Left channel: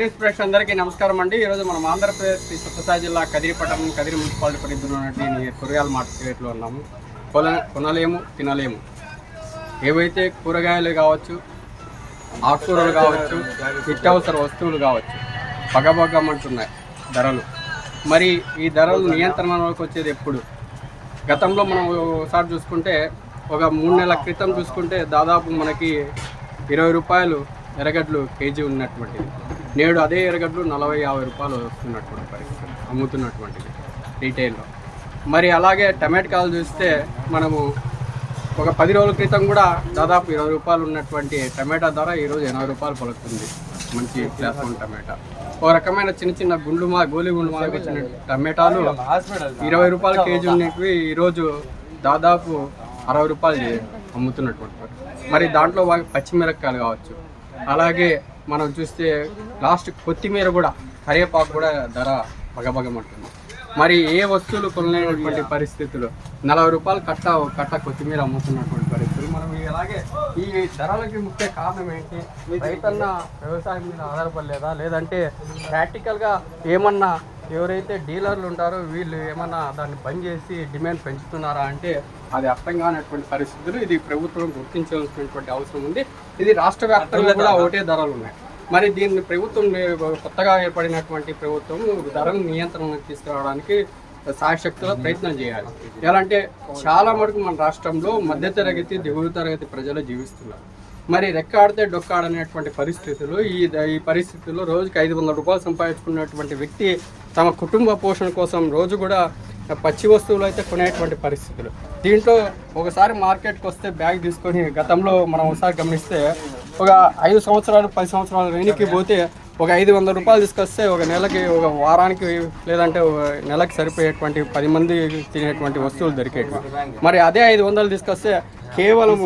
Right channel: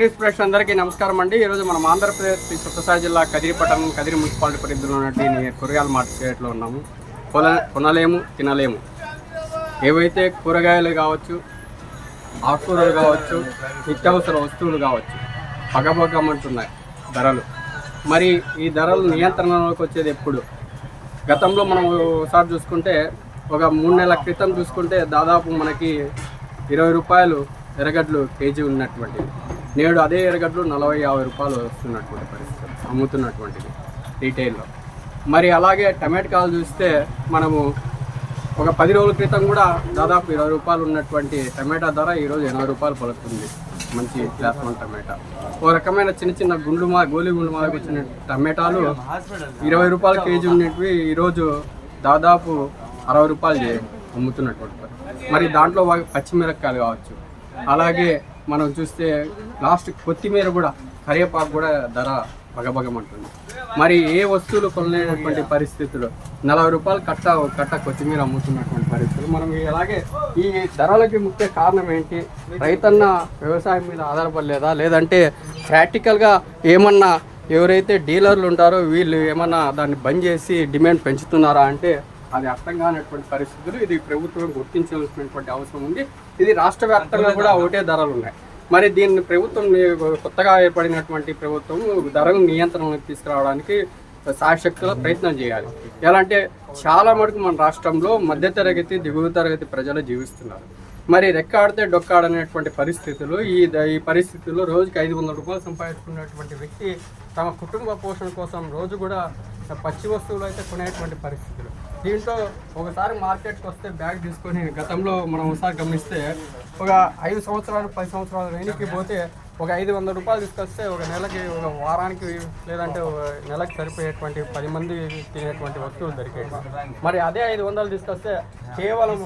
News ప్రేక్షకులు అందరికీ నమస్కారం అండి. ఈరోజు మనం ఆంధ్రప్రదేశ్ సత్యసాయి జిల్లా కదిరి పట్టణం కదిరి మున్సిపాలిటీ పరిధిలో ఉన్నటువంటి కూరగాయల మార్కెట్లో ఉన్నాము. కొన కొనలేము తినలేము. ఏవైతే కూరగాయలు కావచ్చు ఆకుకూరలు కావచ్చు నిత్యావసర వస్తువులు కావచ్చు పగబగమంటున్నాయి ధరలు. మరి ఈ ధరలు నియంత్రణలోకి వచ్చేది ఎప్పుడు? గతంలో మనం ఒకసారి చూసుకుంటే ఒక మూడు నెలల క్రితం చూసుకుంటే దాదాపు మనకి ఇరవై రూపాయలు ఎర్రగడ్డలు కేజీ ఉన్నటువంటిది. నేడు అదే ఎర్రగడ్డలు నలభై యాభై రూపాయలు వస్తున్నటువంటి పరిస్థితి అమ్ముతున్నటువంటిది రీటైల్లో. మరి అలాగే టమాటకాయలు చూస్తే మనము ఒక పది రోజుల క్రితం కూడా దాదాపు ఇరవై రూపాయలు ఉన్నటువంటి టమాటా ధర ఈరోజు ఎనభై రూపాయలు పలుకుతుంది మంచి క్లాస్ వన్ టమాటా. ఒక రకమైన చిన్న చిన్న గుండు మా గోలి గుండు మాలకు వచ్చిన టమాటాలు ఇరవై రూపాయల కేజీ ఉన్నవి ఈరోజు దాదాపు అరవై రూపాయలు అమ్ముతున్నటువంటి మరి దాంట్లో బాగా పచ్చిమిరపకాయలు కావచ్చు అలాగే మనం చూస్తే లాస్ట్ కొత్తిమీర కూడా కరివేపాకు కూడా ధర బగబగమంటుంది మరి ఏ వస్తువులు కొనలేనటువంటి పరిస్థితులు నలభై రూపాయలు కట్ట కట్ట కొత్తిమీర అమ్ముతున్నటువంటి పరిస్థితి మనం అలాగే ఈ ధరలకి ముఖ్య కారణం ఏంటి? రైతన్న వ్యవసాయం మీద ఆధారపడలేదా? లేదంటే ప్రాక్టికల్గా ఏమన్నా ఎవరైతే డీలర్లు ఉంటారో వీళ్ళు ఏమన్నా దాన్ని బంద్ చేసి డిమాండ్ పెంచుతున్నారా అంటే అది అర్థం కానటువంటి పరిస్థితులు ఇది ప్రభుత్వం గుర్తించాల్సినటువంటి అవసరం ఉంది. ఇది రాష్ట్ర వ్యాప్తంగా కూడా ఒకటే ధరలు ఉన్నాయి. మరి దీన్ని ప్రభుత్వం కొత్తగా ఏర్పడినటువంటి ప్రభుత్వం ధరలు నియంత్రణలోకి తీసుకురావడానికి సాయశక్తుల ప్రయత్నం చేయాలి. ఎలా అంటే చాలా మటుకు మన రాష్ట్రంలో మధ్యతరగతి దిగువ తరగతి ప్రజలు జీవిస్తున్నారు. మరి రెక్కాడితే డొక్కాడనేటువంటి పరిస్థితులు ఈ ద- ఈ పరిస్థితుల్లో రోజుకి ఐదు వందల రూపాయలు సంపాదించుకున్నటువంటి వ్యక్తి తమ కుటుంబ పోషణ కోసం రోజు కూడా పచ్చి వస్తువులు అయితే కొనేటువంటి పరిస్థితులు. దీంట్లో ఒకసారి మార్కెట్కి వస్తే బ్యాగ్ తీసుకొని గతంలో మనం ఒకసారి గమనిస్తే ఒక ఐదు సంవత్సరాలు పది సంవత్సరాలు వెనక్కి పోతే ఒక ఐదు వందల రూపాయలు తీసుకొస్తే ఒక నెలకి ఒక వారానికి లేదంటే ఒక నెలకి సరిపోయేటువంటి పది మంది తినేటువంటి వస్తువులు దొరికేవి. మరి అదే ఐదు వందలు తీసుకొస్తే కేవలం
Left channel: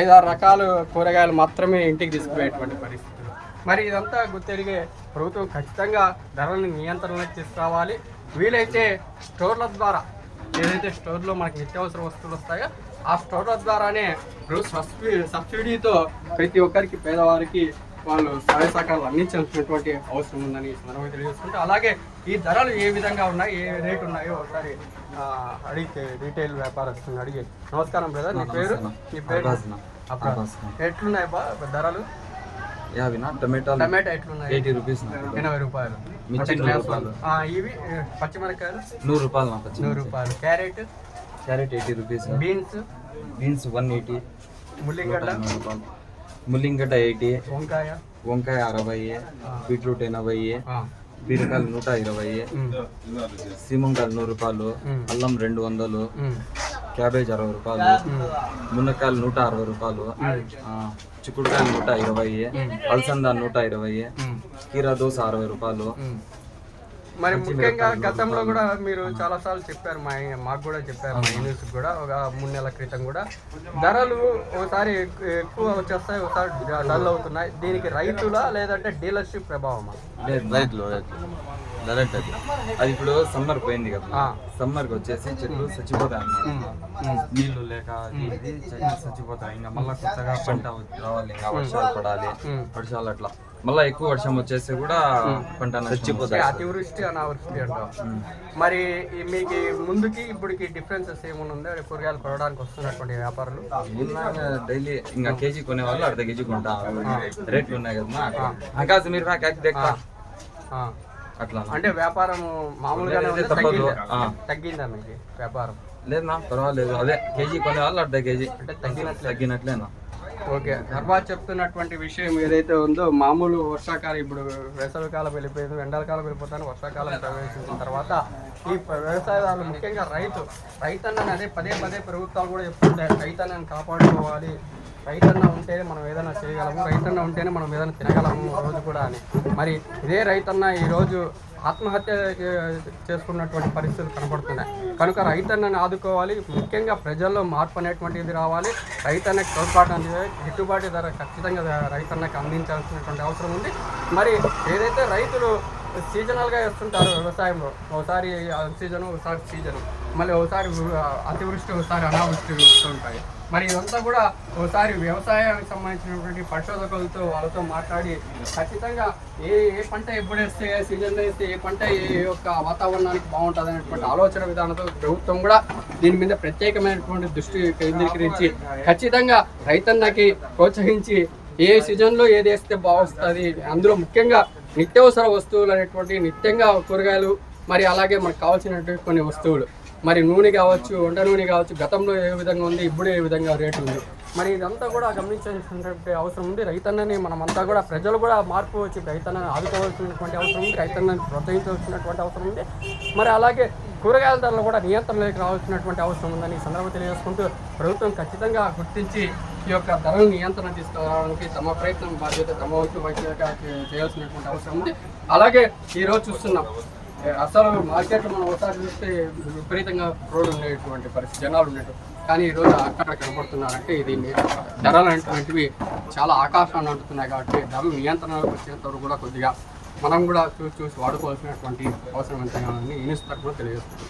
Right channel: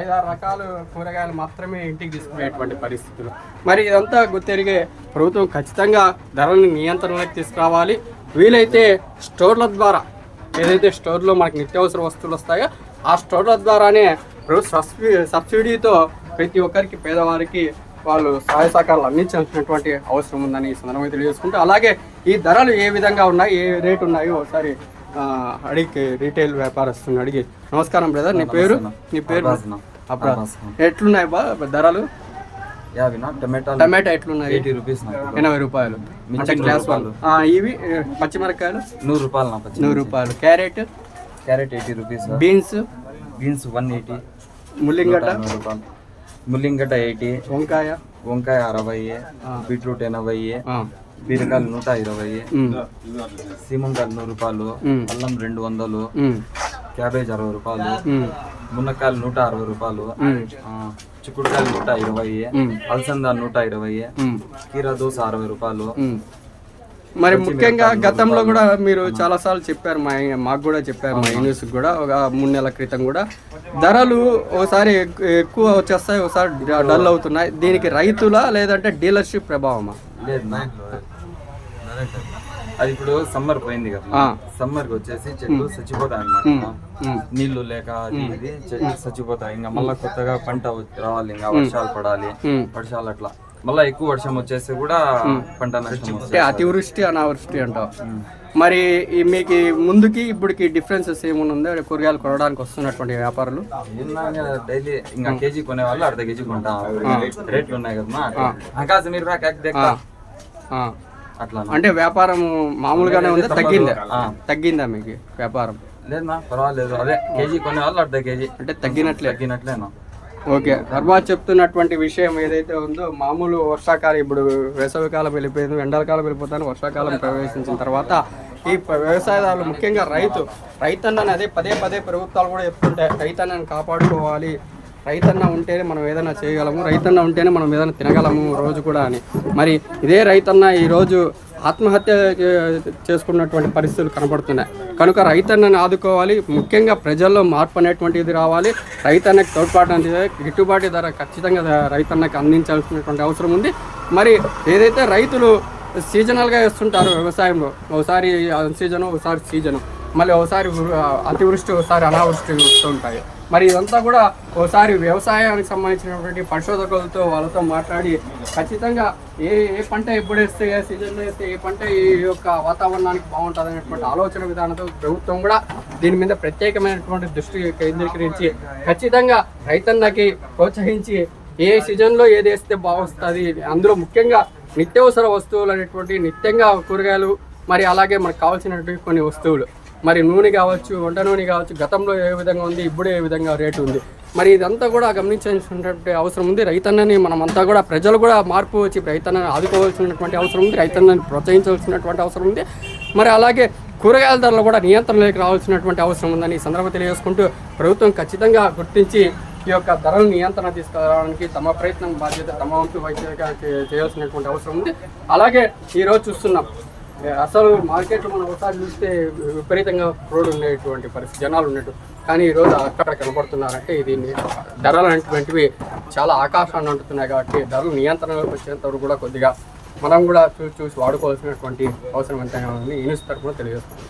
ఐదారు రకాల కూరగాయలు మాత్రమే ఇంటికి తీసుకుపోయేటువంటి పరిస్థితులు. మరి ఇదంతా గుర్తెరిగే ప్రభుత్వం ఖచ్చితంగా ధరలను నియంత్రణలోకి తీసుకురావాలి. వీలైతే స్టోర్ల ద్వారా ఏదైతే స్టోర్లో మనకి నిత్యావసర వస్తువులు వస్తాయో ఆ స్టోర్ల ద్వారానే ప్రభుత్వ సబ్సిడీ సబ్సిడీతో ప్రతి ఒక్కరికి పేదవారికి వాళ్ళు సహాయ సహకారాలు అందించాల్సినటువంటి అవసరం ఉందని ఈ సందర్భంగా తెలియజేసుకుంటూ అలాగే ఈ ధరలు ఏ విధంగా ఉన్నాయి ఏ రేటు ఉన్నాయో ఒకసారి అడిగి రీటైల్ వ్యాపారస్తుని అడిగి. నమస్కారం బ్రదర్ నీ పేరు? నీ పేరు. ఎట్లున్నాయి బా ధరలు? యావినా టమాటాలు టమాటా ఎట్లున్నాయి? ఎయిటీ రూపీస్ ఎనభై రూపాయలు. మిర్చి ఇవి నూరు రూపాయలు నా పచ్చి నూరు రూపాయలు. Carrot? Carrot eighty rupees. Beans? Beans one eighty. ముల్లిగడ్డ? రూపాయలు. ముల్లింగడ్డ ఎయిటీ వంకాయ. వంకాయ అరవై బీట్రూట్ ఎనభై బీరకాయలు నూట ఇరవై సీమంకాయలు నూరు రూపాయలు. అల్లం రెండు వందలు క్యాబేజ్ అరవై రూపాయలు మునక్కాయలు నూట అరవై రూపాయలు చిక్కుడుకాయలు నూట ఇరవై. అలసంద నూట ఇరవై కీరా దోశ అరవై రూపాయలు. మరి ముఖ్యంగా గతంలో కూడా మీరు చాలా సార్లు చెప్పారు మా మాకు కూడా చెప్పారు మా న్యూస్ కూడా ఒక మూడు నెలల క్రితం కూడా. ధరలు ఒకసారి ఎక్కు- ఎక్కువ వచ్చేస్తాయి ఒకసారి డల్ అవుతున్నాయి. దీనికి రైతుల లేదంటే డీలర్షిప్ ప్రభావమా? లేదు. అది. ఇప్పుడు సమ్మర్ పోయింది కదా. సమ్మర్కి వచ్చేసి చెట్లు చచ్చిపోతాయి అన్నమాట. ఉమ్, నీళ్ళు లేక ఇది చెట్లు చచ్చిపోతాయి. ఇంకా మళ్ళీ కొత్తగా పంట రావాలి ఇంకా వర్షాలు పడాలి. వర్షాలు అట్లా. మళ్ళీ ఎక్కువ వర్షం వచ్చేసి కూడా పంట నష్టం అంటే. అతివృష్టి అనావృష్టి ఉమ్. మరి మీకు ముందుకి ఇప్పటికి డిఫరెన్సెస్ ఏమైనా ఉందో? కూరగాయలు కొనడానికి వస్తున్నటువంటి వ్యాపారులు. డైలీ ఇంకా కేజీ కొనే వాళ్ళు అర్ధ కేజీ కొంటా రేట్లు ఉన్నాయి కదా అట్లా. ఆకాశ మీరు. అట్లా అంటే వ్యాపారం మామూలుగానే. తగ్గిందా. తగ్గిందా మీకు వ్యాపారం? లేదన్నా పర్వాలేదు. అదే కేజీ కొనే వాళ్ళు అర్ధ కేజీ. అంటే తగ్గినట్లే. తగ్గినట్లేనా ఓకే. ధర్మ చెప్తున్నటువంటి విషయం ఏదైతే ఉందో మామూలు వర్షాకాలం ఇప్పుడు వేసవికాలం వెళ్ళిపోయింది ఎండాకాలం వెళ్ళిపోతాను వర్షాకాలం ప్రవేశించిన తర్వాత ఈ వ్యవసాయదారులు ముఖ్యంగా రైతు రైతన్నని అదే పదే పదే ప్రభుత్వాలు కూడా చెప్తుంటాయి రైతన్నని కాపాడుకోవాలి రైతన్న ఉంటేనే మనం ఏదైనా చేయగలము రైతన్న ఉంటేనే మనం ఏదైనా తినగలము రోజు కూడా అని. మరి ఇదే రైతన్న ఈరోజు ఆత్మహత్య చేసుకున్నటువంటి పరిస్థితులు కనబడుతున్నాయి. కనుక రైతన్నని ఆదుకోవాలి. ముఖ్యంగా ప్రజల్లో మార్పు అనేటువంటిది రావాలి. రైతన్నకి తోడ్పాటు అనేది గిట్టుబాటు ధర ఖచ్చితంగా రైతన్నకి అందించాల్సినటువంటి అవసరం ఉంది. మరి ఏదైతే రైతులు సీజనల్గా వేస్తుంటారు వ్యవసాయంలో ఒకసారి సీజను ఒకసారి సీజను మళ్ళీ ఒకసారి అతివృష్టి ఒకసారి అనావృష్టి వస్తూ ఉంటాయి. మరి ఇదంతా కూడా ఒకసారి వ్యవసాయానికి సంబంధించినటువంటి పరిశోధకులతో వాళ్ళతో మాట్లాడి ఖచ్చితంగా ఏ ఏ పంట ఎప్పుడు వేస్తే ఏ సీజన్లో వేస్తే ఏ పంట ఏ యొక్క వాతావరణానికి బాగుంటుంది అనేటువంటి ఆలోచన విధానంతో ప్రభుత్వం కూడా దీని మీద ప్రత్యేకమైనటువంటి దృష్టి కేంద్రీకరించి ఖచ్చితంగా రైతన్నకి ప్రోత్సహించి ఏ సీజన్లో ఏది వేస్తే బాగుస్తుంది అందులో ముఖ్యంగా నిత్యవసర వస్తువులు అనేటువంటి నిత్యంగా కూరగాయలు మరి అలాగే మనకు కావాల్సినటువంటి కొన్ని వస్తువులు. మరి నూనె కావచ్చు వంట నూనె కావచ్చు గతంలో ఏ విధంగా ఉంది ఇప్పుడు ఏ విధంగా రేటు ఉంది? మరి ఇదంతా కూడా గమనించాల్సినటువంటి అవసరం ఉంది. రైతన్నని మనమంతా కూడా ప్రజలు కూడా మార్పు వచ్చి రైతన్నని ఆదుకోవాల్సినటువంటి అవసరం ఉంది రైతన్నని ప్రోత్సహించవలసినటువంటి అవసరం ఉంది. మరి అలాగే కూరగాయల ధరలు కూడా నియంత్రణలోకి రావాల్సినటువంటి అవసరం ఉందని ఈ సందర్భంగా తెలియజేసుకుంటూ ప్రభుత్వం ఖచ్చితంగా గుర్తించి ఈ యొక్క ధరలు నియంత్రణ తీసుకురావడానికి తమ ప్రయత్నం బాధ్యత తమ వంతు వైద్య చేయాల్సినటువంటి అవసరం ఉంది. అలాగే ఈరోజు చూస్తున్నాం అసలు మార్కెట్లో మనం ఒకసారి చూస్తే విపరీతంగా రోడ్డు ఉండేటువంటి పరిస్థితి జనాలు ఉన్నట్టు కానీ ఈరోజు అక్కడ కనబడుతున్నారంటే దీన్ని ధరలు అనేటువంటివి చాలా ఆకాశాన్ని అంటున్నాయి కాబట్టి ధరలు నియంత్రణలోకి వచ్చేంత వరకు కూడా కొద్దిగా మనం కూడా చూసి చూసి వాడుకోవాల్సినటువంటి అవసరం ఎంతైనా ఉంది యూనిస్ తరఫున తెలియజేస్తుంది